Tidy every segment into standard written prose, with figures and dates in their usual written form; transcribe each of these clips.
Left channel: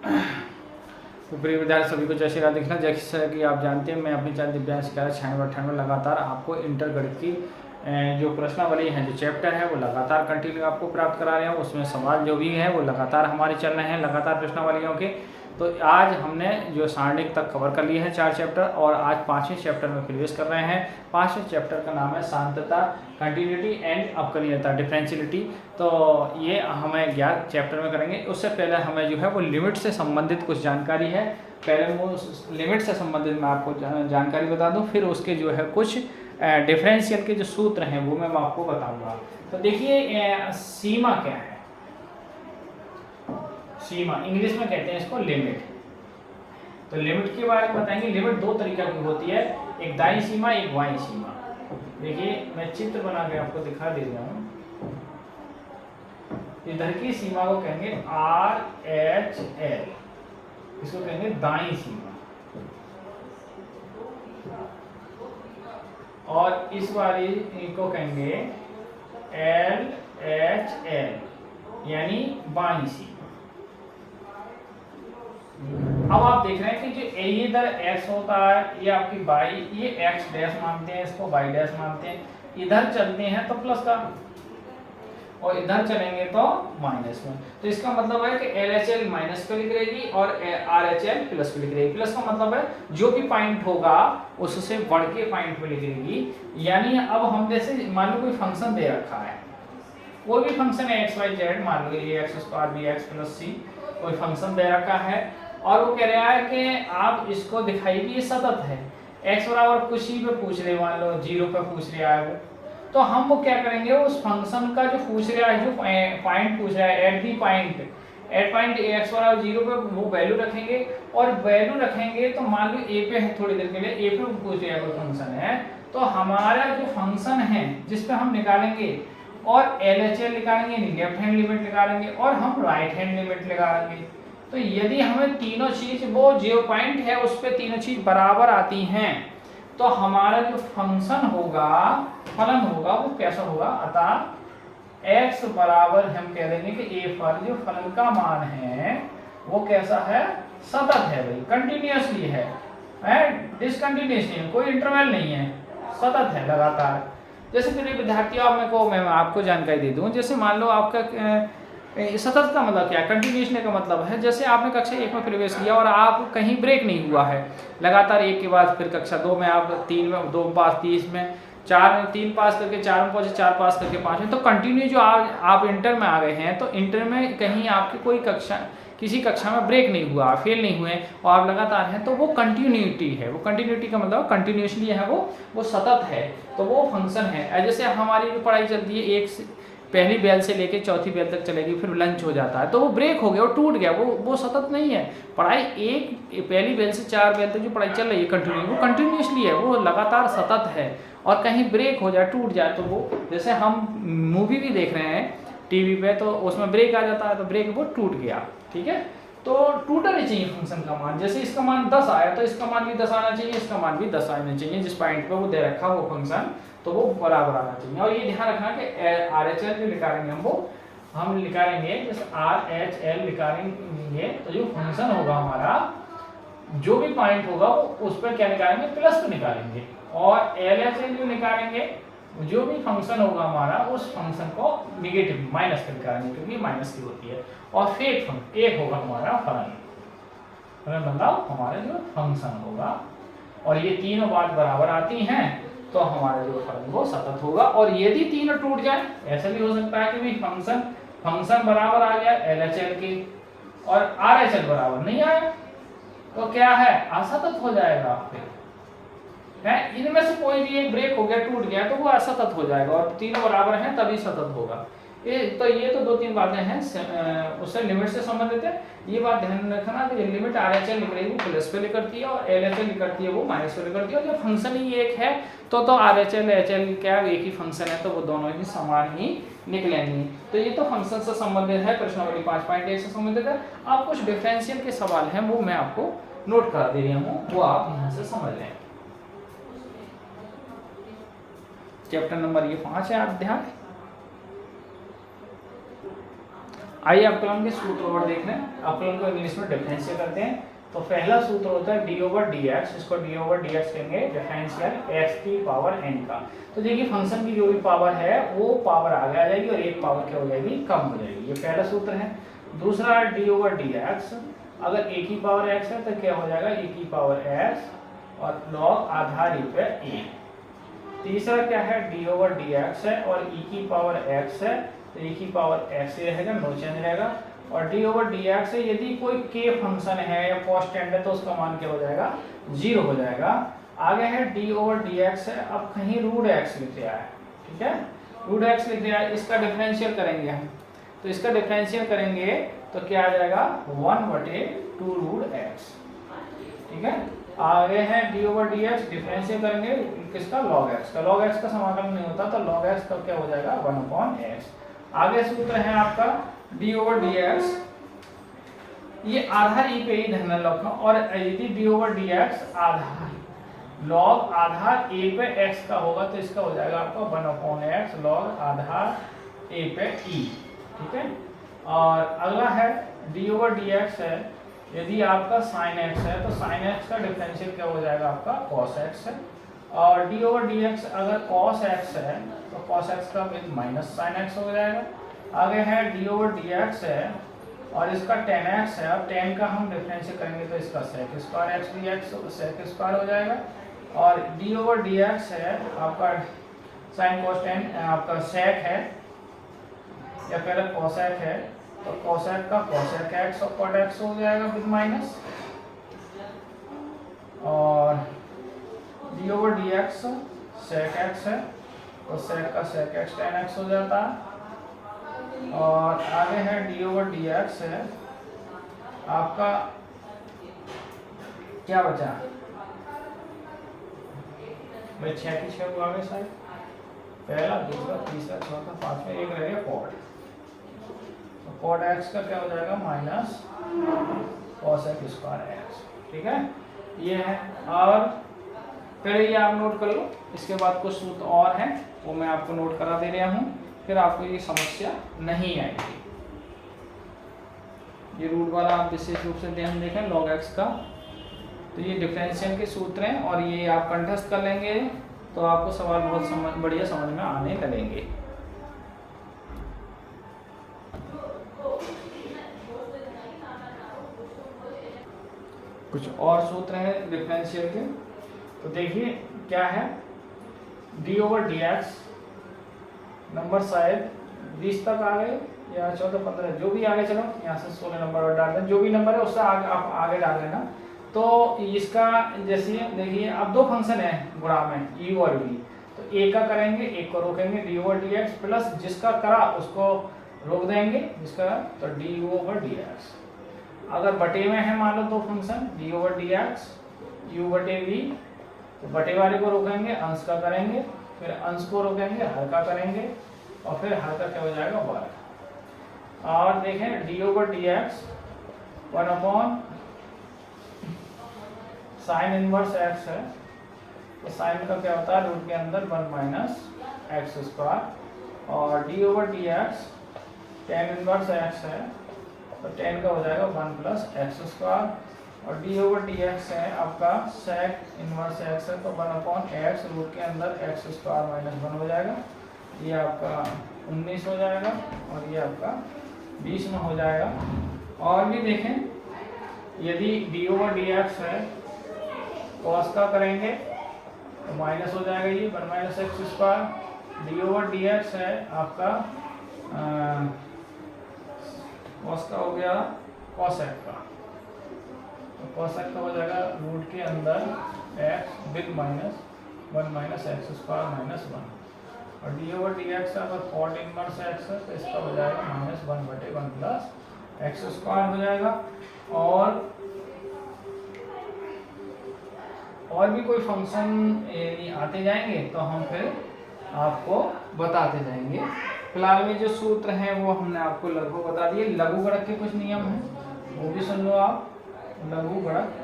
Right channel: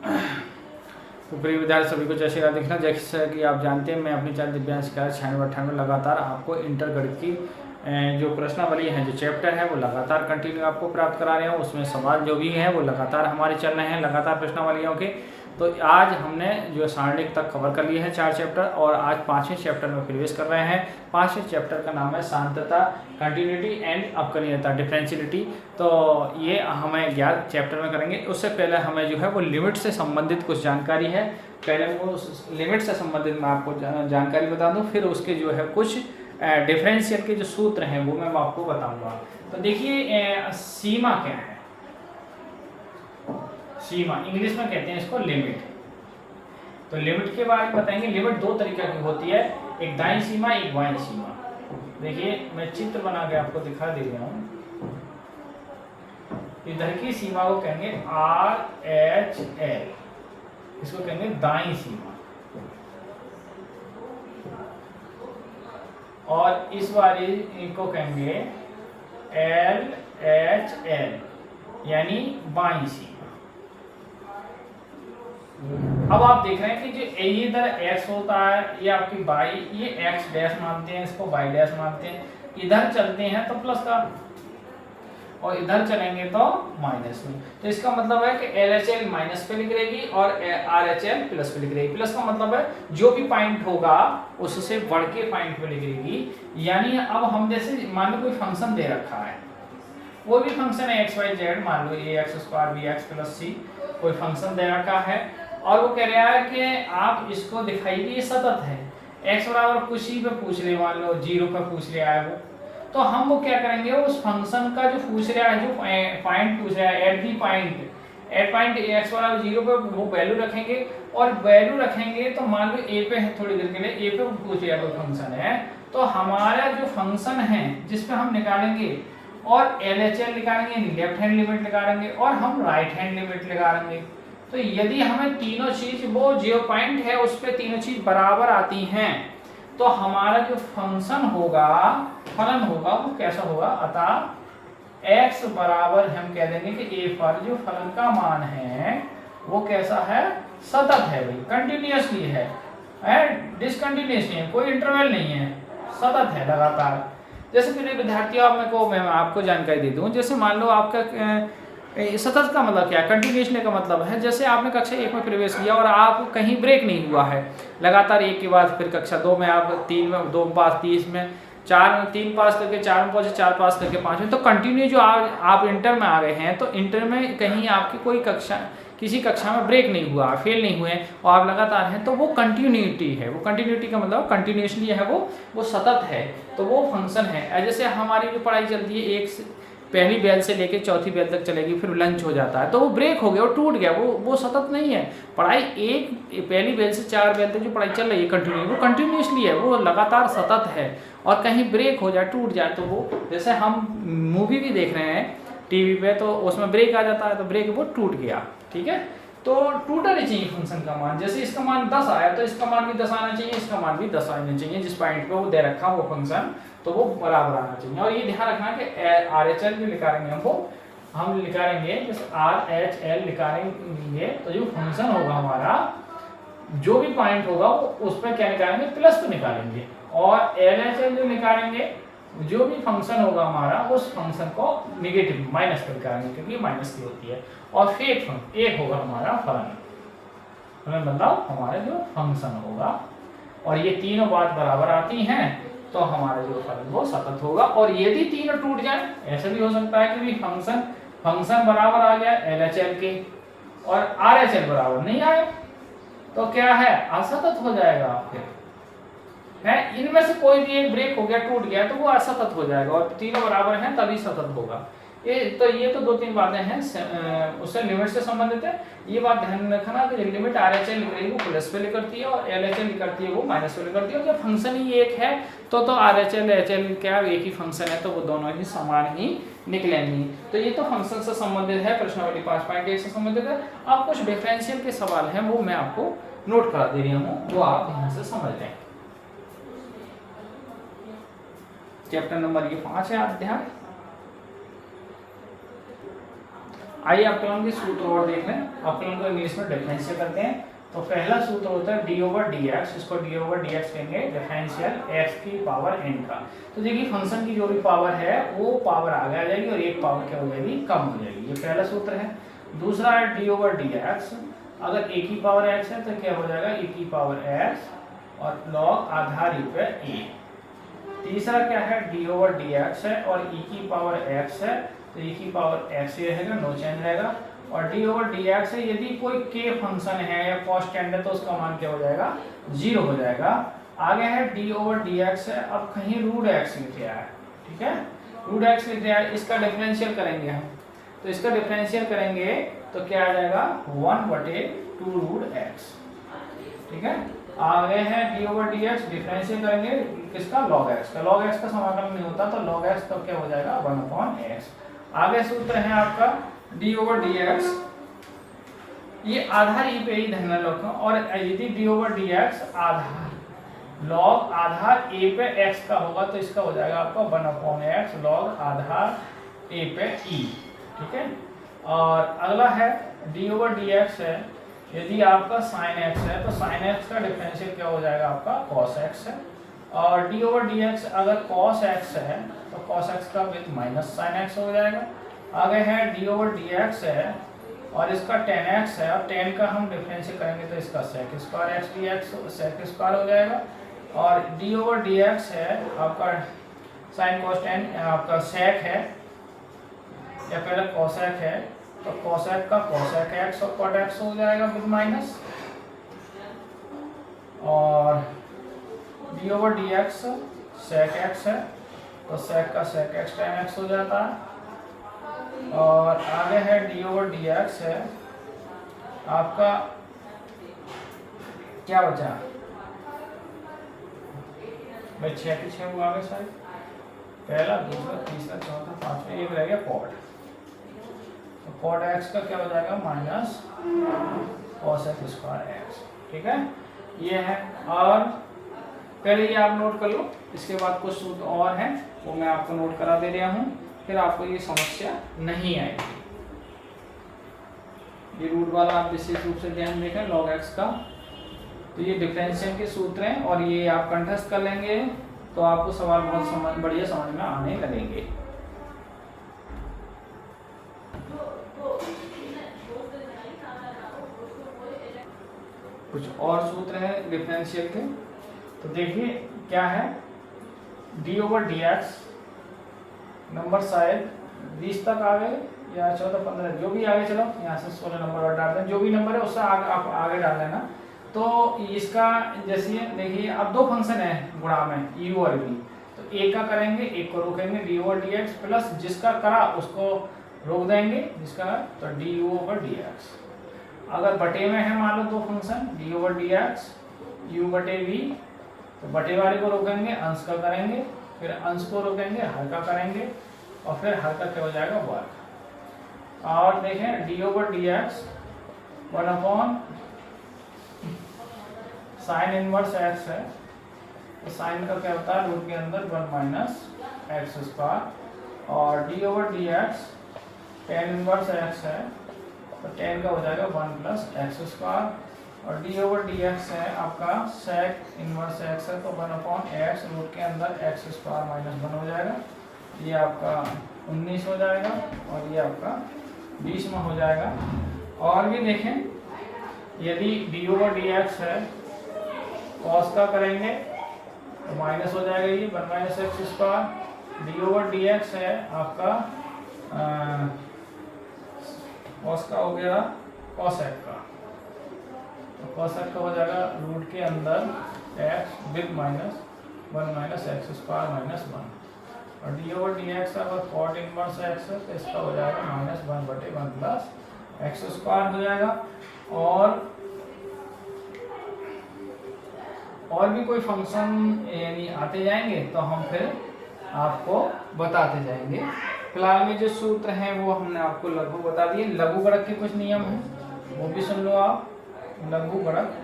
तो प्रिय विद्यार्थी सभी को जय श्री राम। देखना, जैसा कि आप जानते हैं मैं अपनी चैनल दिव्यांश 96 लगातार आपको इंटर गणित की जो प्रश्नावली है, जो चैप्टर है वो लगातार कंटिन्यू आपको प्राप्त करा रहे हैं। उसमें सवाल जो भी है वो लगातार हमारे चल रहे हैं, लगातार प्रश्नावलियों के। तो आज हमने जो सारणिक तक कवर कर लिए हैं 4 चैप्टर, और आज 5वें चैप्टर में प्रवेश कर रहे हैं। 5वें चैप्टर का नाम है शांतता, कंटिन्यूटी एंड अवकलनीयता, डिफरेंशियलिटी। तो ये हमें 11 चैप्टर में करेंगे। उससे पहले हमें जो है वो लिमिट से संबंधित कुछ जानकारी है। पहले वो लिमिट से संबंधित मैं आपको जानकारी बता दूं, फिर उसके जो है कुछ डिफरेंशियल के जो सूत्र हैं वो मैं आपको बताऊंगा। तो देखिए, सीमा क्या है? सीमा इंग्लिश में कहते हैं इसको लिमिट। तो लिमिट के बारे में बताएंगे। लिमिट दो तरीके की होती है, एक दाईं सीमा, एक बाईं सीमा। देखिए, मैं चित्र बना के आपको दिखा दे रहा हूँ। इधर की सीमा को कहेंगे RHL, इसको कहेंगे दाईं सीमा, और इस वाली को कहेंगे LHL, यानी बाईं सीमा। अब आप देख रहे हैं कि जो ये इधर x होता है, ये आपकी y, ये x डैश मानते हैं, इसको y डैश मानते हैं। इधर चलते हैं तो प्लस का, और इधर चलेंगे तो माइनस में। तो इसका मतलब है कि LHL माइनस पे लिख रहेगी और RHL प्लस पे लिख रहेगी। प्लस का मतलब है जो भी पॉइंट होगा उससे बढ़ के पॉइंट पे लिख रहेगी। यानी अब हम जैसे मान लो कोई फंक्शन दे रखा है, कोई भी फंक्शन है x y z, मान लो ax² bx + c, कोई फंक्शन दे रखा है और वो कह रहा है कि आप इसको दिखाइए ये सतत है। x बराबर कुछ ही पे पूछ रहे, मान लो 0 पे पूछ रहा है वो, तो हम वो क्या करेंगे, उस फंक्शन का जो पूछ रहा है, जो पॉइंट पूछ रहा है, एट पॉइंट x बराबर 0 पे वो वैल्यू रखेंगे। और वैल्यू रखेंगे तो मान लो a पे है, थोड़ी देर के लिए a पे पूछ रहा है कोई फंक्शन है, तो हमारा जो फंक्शन है जिस पे हम निकालेंगे, और LHL निकालेंगे, लेफ्ट हैंड लिमिट निकालेंगे, और हम राइट हैंड लिमिट निकालेंगे। तो यदि हमें तीनों चीज, वो जो पॉइंट है उस पे तीनों चीज बराबर आती हैं, तो हमारा जो फंक्शन होगा, फलन होगा, वो कैसा होगा? अतः x बराबर हम कह देंगे कि a पर जो फलन का मान है वो कैसा है? सतत है भाई, कंटिन्यूअसली है, डिसकंटिन्यूअस नहीं है, कोई इंटरवल नहीं है, सतत है, लगातार। जैसे मेरे विद्यार्थियों मैं आपको जानकारी दे दूं। जैसे मान लो आपका सतत का मतलब क्या है? कंटिन्यूसली का मतलब है जैसे आपने कक्षा 1 में प्रवेश किया और आप कहीं ब्रेक नहीं हुआ है, लगातार एक के बाद फिर कक्षा 2 में, आप 3 में 2 पास, 30 में 4 में 3 पास करके 4 में पहुंचे, 4 पास करके 5 में, तो कंटिन्यू जो आप इंटर में आ गए हैं, तो इंटर में कहीं आपकी कोई कक्षा, किसी कक्षा में ब्रेक नहीं हुआ, फेल नहीं हुए और आप लगातार हैं, तो वो कंटिन्यूटी है। वो कंटिन्यूटी का मतलब कंटिन्यूसली है, वो सतत है, तो वो फंक्शन है। जैसे हमारी जो पढ़ाई चलती है, पहली बेल से लेके चौथी बेल तक चलेगी, फिर लंच हो जाता है, तो वो ब्रेक हो गया, वो टूट गया, वो सतत नहीं है। पढ़ाई पहली बेल से 4 बेल तक जो पढ़ाई चल रही है कंटिन्यू, वो कंटिन्यूसली है, वो लगातार सतत है। और कहीं ब्रेक हो जाए, टूट जाए, तो वो, जैसे हम मूवी भी देख रहे हैं टीवी पे, तो उसमें ब्रेक आ जाता है, तो ब्रेक वो टूट गया, ठीक है। तो टूटना नहीं चाहिए फंक्शन का मान। जैसे इसका मान 10 आया तो इसका मान भी 10 आना चाहिए, इसका मान भी 10 आना चाहिए, जिस पॉइंट पे वो दे रखा वो फंक्शन, तो वो बराबर आना चाहिए। और ये ध्यान रखना कि RHL जो निकालेंगे हम निकालेंगे, जैसे RHL निकालेंगे तो जो फंक्शन होगा हमारा, जो भी पॉइंट होगा वो उस पर क्या निकालेंगे? प्लस पे निकालेंगे। और LHL जो निकालेंगे, जो भी फंक्शन होगा हमारा, उस फंक्शन को निगेटिव माइनस पे निकालेंगे, क्योंकि माइनस की होती है। और फिर एक होगा हमारा फलन मतलब हमारा जो फंक्शन होगा, और ये तीनों बात बराबर आती हैं, तो हमारा जो फलन वो सतत होगा। और यदि तीनों टूट जाए, ऐसा भी हो सकता है कि भी फंक्शन बराबर आ गया LHL के और RHL बराबर नहीं आया, तो क्या है? असतत हो जाएगा। फिर है, इनमें से कोई भी एक ब्रेक हो गया, टूट गया, तो वो असतत हो जाएगा, और तीनों बराबर हैं तभी सतत होगा। ये तो 2-3 बातें हैं उससे लिमिट से संबंधित है। ये बात ध्यान रखना कि लिमिट RHL लिख रही है वो प्लस पे लिख करती है, और LHL लिख करती है वो माइनस पे लिख करती है। और जब फंक्शन ही एक है तो RHL HL क्या एक ही फंक्शन है, तो वो दोनों ही समान ही निकलेंगी। तो ये तो फंक्शन से संबंधित है, प्रश्नावली 5.1 से संबंधित है। अब कुछ डिफरेंशियल के सवाल हैं, वो मैं आपको नोट करा दे रही हूँ, वो आप यहाँ से समझ लें। चैप्टर नंबर ये 5 है, अध्याय। आइए अवकलन के सूत्र और देख लें। अवकलन को इंग्लिश में डिफरेंशियल करते हैं। तो पहला सूत्र होता है डी ओवर डी एक्स, इसको डी ओवर डी एक्स कहेंगे डिफरेंशियल एक्स की पावर एन का। तो देखिए फंक्शन की जो भी पावर है वो पावर आगे आ जाएगी और एक पावर क्या हो जाएगी, कम हो जाएगी। ये पहला सूत्र है। दूसरा है डी ओवर डी एक्स, अगर ए की पावर एक्स है तो क्या हो जाएगा, ए की पावर एक्स और लॉग आधार पे ए। तीसरा क्या है, डी ओवर डी एक्स है और ई की पावर एक्स है तो ई की पावर एक्स ही रहेगा, नो चेंज रहेगा। और डी ओवर डी एक्स है, यदि कोई के फंक्शन है या कांस्टेंट है तो उसका मान क्या हो जाएगा, 0 हो जाएगा। आगे है डी ओवर डी एक्स है, अब कहीं रूट एक्स लिख लिया है, ठीक है, रूट एक्स लिख लिया है, इसका डिफरेंशियल करेंगे हम। तो इसका डिफरेंशियल करेंगे तो क्या आ जाएगा, 1/2 रूट एक्स, ठीक है। आगे है D over d x, differential करेंगे किसका, लॉग एक्स का। लॉग एक्स का समाकलन नहीं होता तो लॉग एक्स का क्या हो जाएगा, 1/x। आगे सूत्र है आपका डी ओवर डी एक्स, ये आधार ई पे ही ध्यान रखो। और यदि डी ओवर डी एक्स आधार लॉग आधार ए पे एक्स का होगा तो इसका हो जाएगा आपका 1/x लॉग आधार ए पे ई, ठीक है। और अगला है डी ओवर डी एक्स है, यदि आपका साइन एक्स है तो साइन एक्स का डिफरेंशियल क्या हो जाएगा आपका कॉस एक्स है। और डी ओवर डी एक्स अगर कॉस एक्स है तो कॉस एक्स का माइनस साइन एक्स हो जाएगा। आगे है डी ओवर डी एक्स है और इसका टेन एक्स है और टेन का हम डिफरेंशियल करेंगे तो इसका sec square x d x sec square हो जाएगा। और डी ओवर डी एक्स है आपका साइन कॉस टेन आपका सेक है या पहले कॉसेक है तो कॉसेक का कॉसेक एक्स और कॉट एक्स हो जाएगा विद माइनस। और d over d x sec x है तो सेक का सेक एक्स टेन एक्स हो जाता है। और आगे है डी ओवर डी एक्स है आपका क्या बचा भाई, 6 के 6 वो आगे साइड, पहला दूसरा तीसरा चौथा पांचवा, एक रह गया कॉट। तो कॉट एक्स का क्या हो जाएगा minus cos x square x, ठीक है, ये है। और पहले ये आप नोट कर लो, इसके बाद कुछ सूत्र और हैं वो मैं आपको नोट करा दे रहा हूँ, फिर आपको ये समस्या नहीं आएगी। ये रूट वाला आप विशेष रूप से ध्यान देखें लॉग एक्स का। तो ये डिफरेंशियल के सूत्र हैं और ये आप कंटेस्ट कर लेंगे तो आपको सवाल बहुत बढ़िया समझ में आने लगेंगे। कुछ और सूत्र हैं डिफरेंशियल के, तो देखिए क्या है, D over d x number शायद 20 तक आ गए या 14 15 जो भी आगे, चलो यहाँ से 16 नंबर डाल दें, जो भी नंबर है उससे आप आगे डाल लेना। तो इसका जैसे देखिए अब दो फंक्शन है गुणा में u और v, तो एक का करेंगे एक को रोकेंगे D over d x plus जिसका करा उसको रोक देंगे जिसका, तो डी ओवर डी एक्स। अगर बटे में है मान लो दो function D over d x u बटे v, तो बटे वाले को रोकेंगे अंश का करेंगे, फिर अंश को रोकेंगे हर का करेंगे और फिर हर का क्या हो जाएगा वर्ग। और देखें D over d x 1 sine inverse x है, तो साइन का क्या होता है रूट के अंदर 1 माइनस एक्स स्क्वायर। और d over d x tan inverse x है तो टेन का हो जाएगा 1 प्लस एक्स स्क्वायर। और डी ओवर डी एक्स है आपका सेक इनवर्स एक्स है तो 1/x रूट के अंदर एक्स स्क्वायर माइनस 1 हो जाएगा, ये आपका 19 हो जाएगा और ये आपका 20 में हो जाएगा। और भी देखें यदि डी ओवर डी एक्स है कॉस का करेंगे तो माइनस हो जाएगा ये 1 minus x square. D over d x है आपका कॉस का हो गया कॉसेक का, तो कॉसेक का हो जाएगा रूट के अंदर x with minus 1 minus x square minus 1। और डी ओवर डी एक्स अगर कॉट इनवर्स एक्स है तो इसका हो जाएगा माइनस 1/1 प्लस एक्स स्क्वायर हो जाएगा। और भी कोई फंक्शन यानी आते जाएंगे तो हम फिर आपको बताते जाएंगे। फिलहाल में जो सूत्र हैं वो हमने आपको लघु बता दिए। लघु गुणक के कुछ नियम हैं वो भी सुन लो आप। लघु गुणक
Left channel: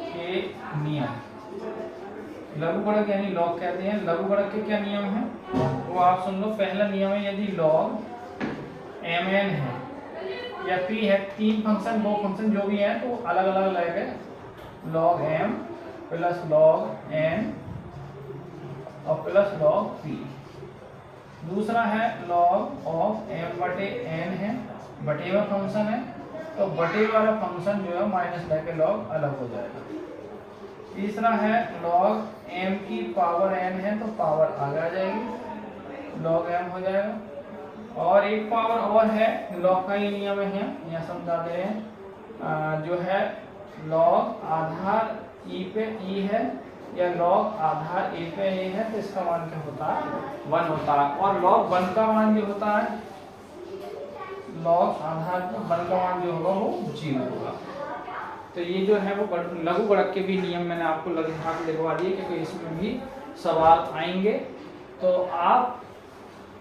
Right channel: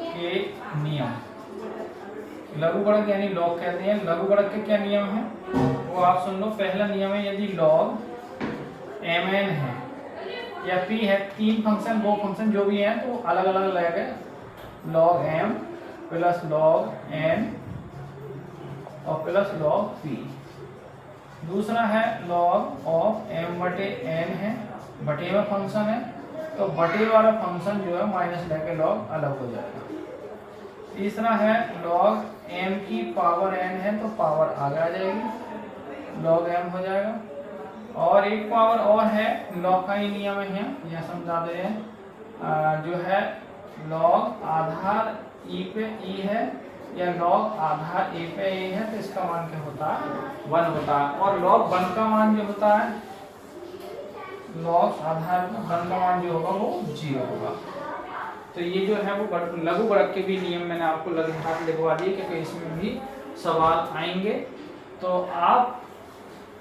के नियम, लघु गुणक यानी लॉग कहते हैं। लघु गुणक के क्या नियम हैं वो आप सुन लो। पहला नियम है यदि लॉग एम एन है या पी है, तीन फंक्शन दो फंक्शन जो भी हैं तो अलग अलग लगेगा, log m plus log n और प्लस लॉग पी। दूसरा है लॉग ऑफ एम बटे एन है, बटे में फंक्शन है तो बटे वाला फंक्शन जो है माइनस लेके लॉग अलग हो जाएगा। तीसरा है लॉग एम की पावर एन है तो पावर आगे आ जाएगी, लॉग एम हो जाएगा। और एक पावर और है, लॉग का ही नियम है, यह समझा दे रहे हैं, जो है लॉग आधार ई पे ई है या लॉग आधार ए पे ए है तो इसका मान क्या होता है 1 होता है। और लॉग 1 का मान जो होता है, लॉग आधार 1 का मान जो होगा वो 0 होगा। तो ये जो है वो लघु गुणक के भी नियम मैंने आपको लगभग लिखवा दिए क्योंकि इसमें भी सवाल आएंगे, तो आप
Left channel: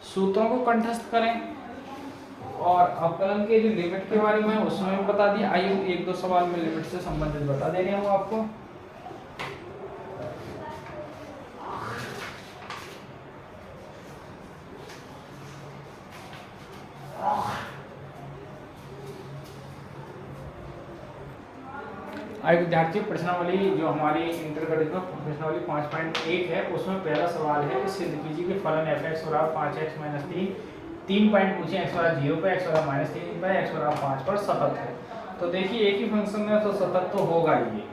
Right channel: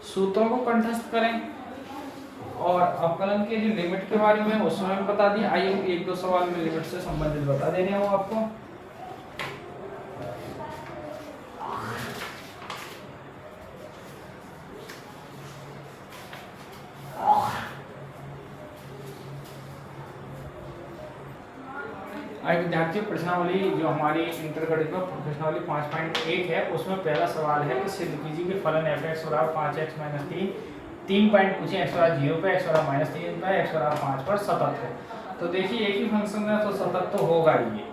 सूत्रों को कंठस्थ करें और अवकलन के जो लिमिट के बारे में उसमें बता दिया। आइए एक दो सवाल में लिमिट से संबंधित बता दे रहा हूँ आपको। आई विद्यार्थी प्रश्नावली जो हमारी इंटरगणित में प्रश्नावली 5.1 है उसमें पहला सवाल है कि सिद्ध कीजिए कि फलन f(x) बराबर 5x - 3, 3 पॉइंट पूछे, x बराबर 0 पे, x बराबर -3 पे, x बराबर 5 पर सतत है। तो देखिए एक ही फंक्शन है तो सतत तो होगा ही,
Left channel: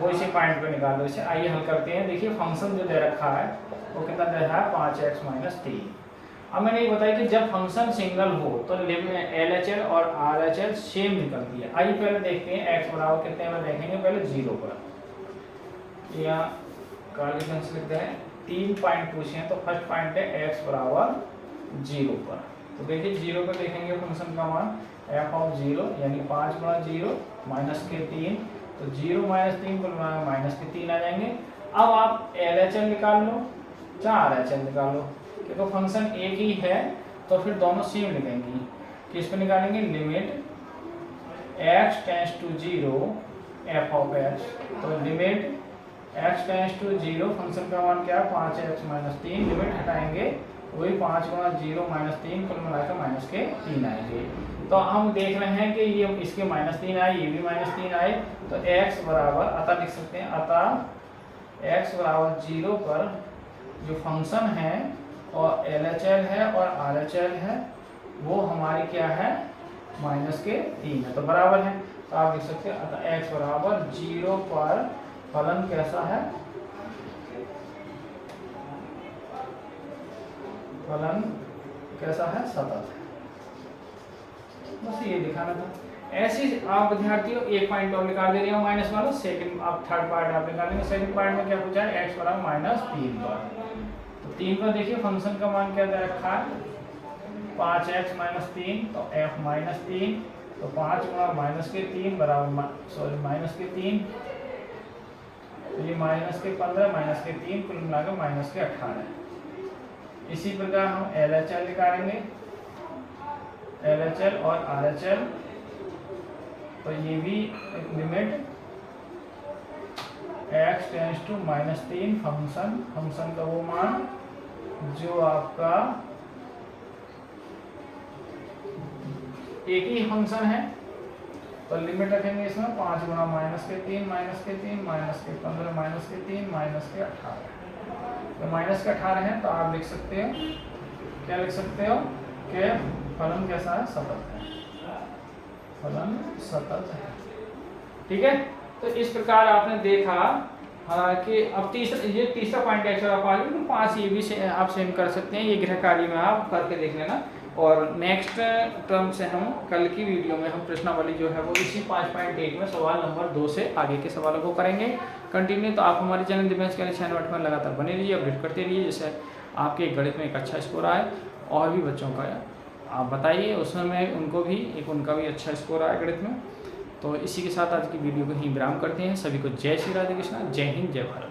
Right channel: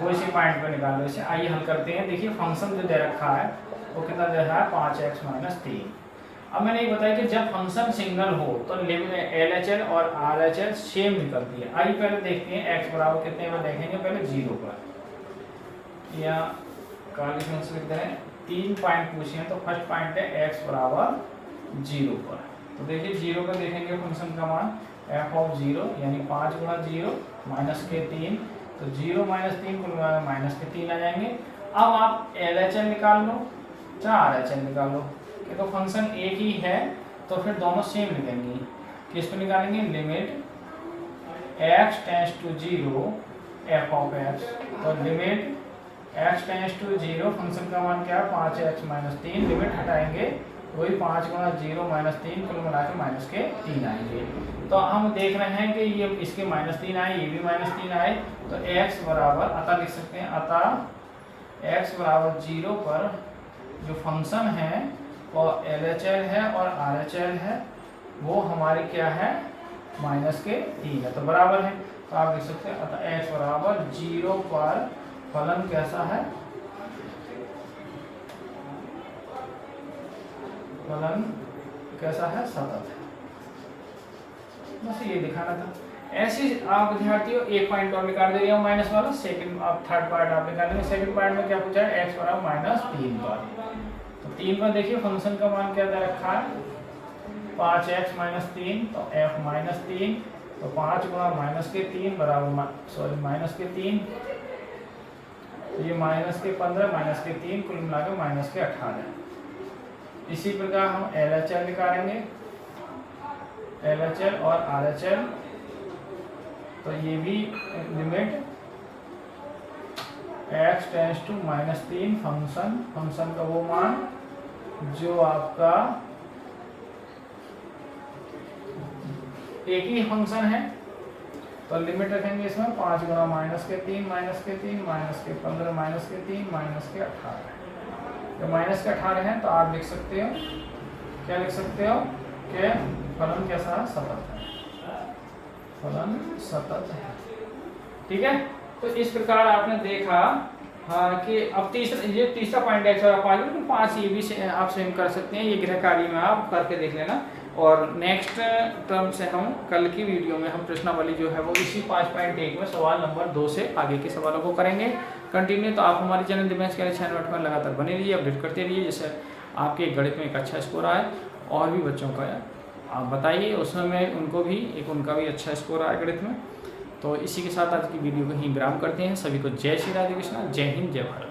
वो इसी पॉइंट पे निकालो इसे। आइए हल करते हैं। देखिए फंक्शन जो दे रखा है वो कितना दे रहा है 5x - 3। अब मैंने ये बताया कि जब फंक्शन सिंगल हो तो LHL और RHL सेम निकलती है। आइए पहले देखते हैं x बराबर कितने में देखेंगे, पहले 0 पर या काली पेन से लिखते हैं 3 पॉइंट पूछे हैं तो फर्स्ट पॉइंट है x बराबर 0 पर। तो देखिए 0 पर देखेंगे फंक्शन का मान f(0) यानी 5 गुणा 0 माइनस के 3, तो 0 - 3 कुल माइनस के 3 आ जाएंगे। अब आप LHL निकाल लो चाहे RHL निकाल लो, तो फंक्शन एक ही है तो फिर दोनों सेम लिखेंगे। किस पर निकालेंगे, limit x tends to 0 f(x), तो limit x tends to 0 function का मान क्या है 5x - 3, लिमिट हटाएंगे वही 5 गुणा 0 - 3 कुल मिला के माइनस के 3 आएंगे। तो हम देख रहे हैं कि ये इसके -3 आए, ये भी -3 आए, तो x बराबर अतः लिख सकते हैं, अतः x बराबर 0 पर जो फंक्शन है और LHL है और RHL है वो हमारी क्या है -3 है, तो बराबर है। तो आप लिख सकते हैं अतः x बराबर 0 पर फलन कैसा है, फलन कैसा है, सतत है। बस ये दिखाना था। ऐसे आप विद्यार्थियों एक पॉइंट और निकाल दे रहे हो माइनस वाला, सेकंड आप थर्ड पॉइंट आप निकाल लेंगे। सेकंड पॉइंट में क्या पूछा है, x बराबर -3 पर। तो 3 पर देखिए फंक्शन का मान क्या दे रखा है 5x - 3, तो f -3, तो 5 गुणा -3 बराबर माइनस के 3, तो ये -15 -3 कुल मिलाकर -18। इसी प्रकार हम LHL निकालेंगे, LHL और RHL, तो ये भी limit x tends to -3 function का वो मान जो आपका एक ही फंक्शन है तो लिमिट रखेंगे इसमें 5 गुणा -3 -3 -15 -3 -18। तो -18 है तो आप लिख सकते हो, क्या लिख सकते हो कि फलन कैसा है, सतत है, फलन सतत है। ठीक है, तो इस प्रकार आपने देखा कि अब तीसरा पॉइंट है x बराबर 5, तो 5 ये भी आप सेम कर सकते हैं, ये गृह कार्य में आप करके देख लेना। और नेक्स्ट टर्म से हम कल की वीडियो में हम प्रश्नावली जो है वो इसी 5.1 में सवाल नंबर 2 से आगे के सवालों को करेंगे कंटिन्यू। तो आप हमारे चैनल दिव्यांश के चैनल में लगातार बने रहिए, अपडेट करते रहिए, जैसे आपके गणित में एक अच्छा स्कोर आए और भी बच्चों का आप बताइए उसमें उनको भी उनका भी अच्छा स्कोर आए गणित में। तो इसी के साथ आज की वीडियो को ही विराम करते हैं। सभी को जय श्री राधे कृष्णा, जय हिंद, जय भारत।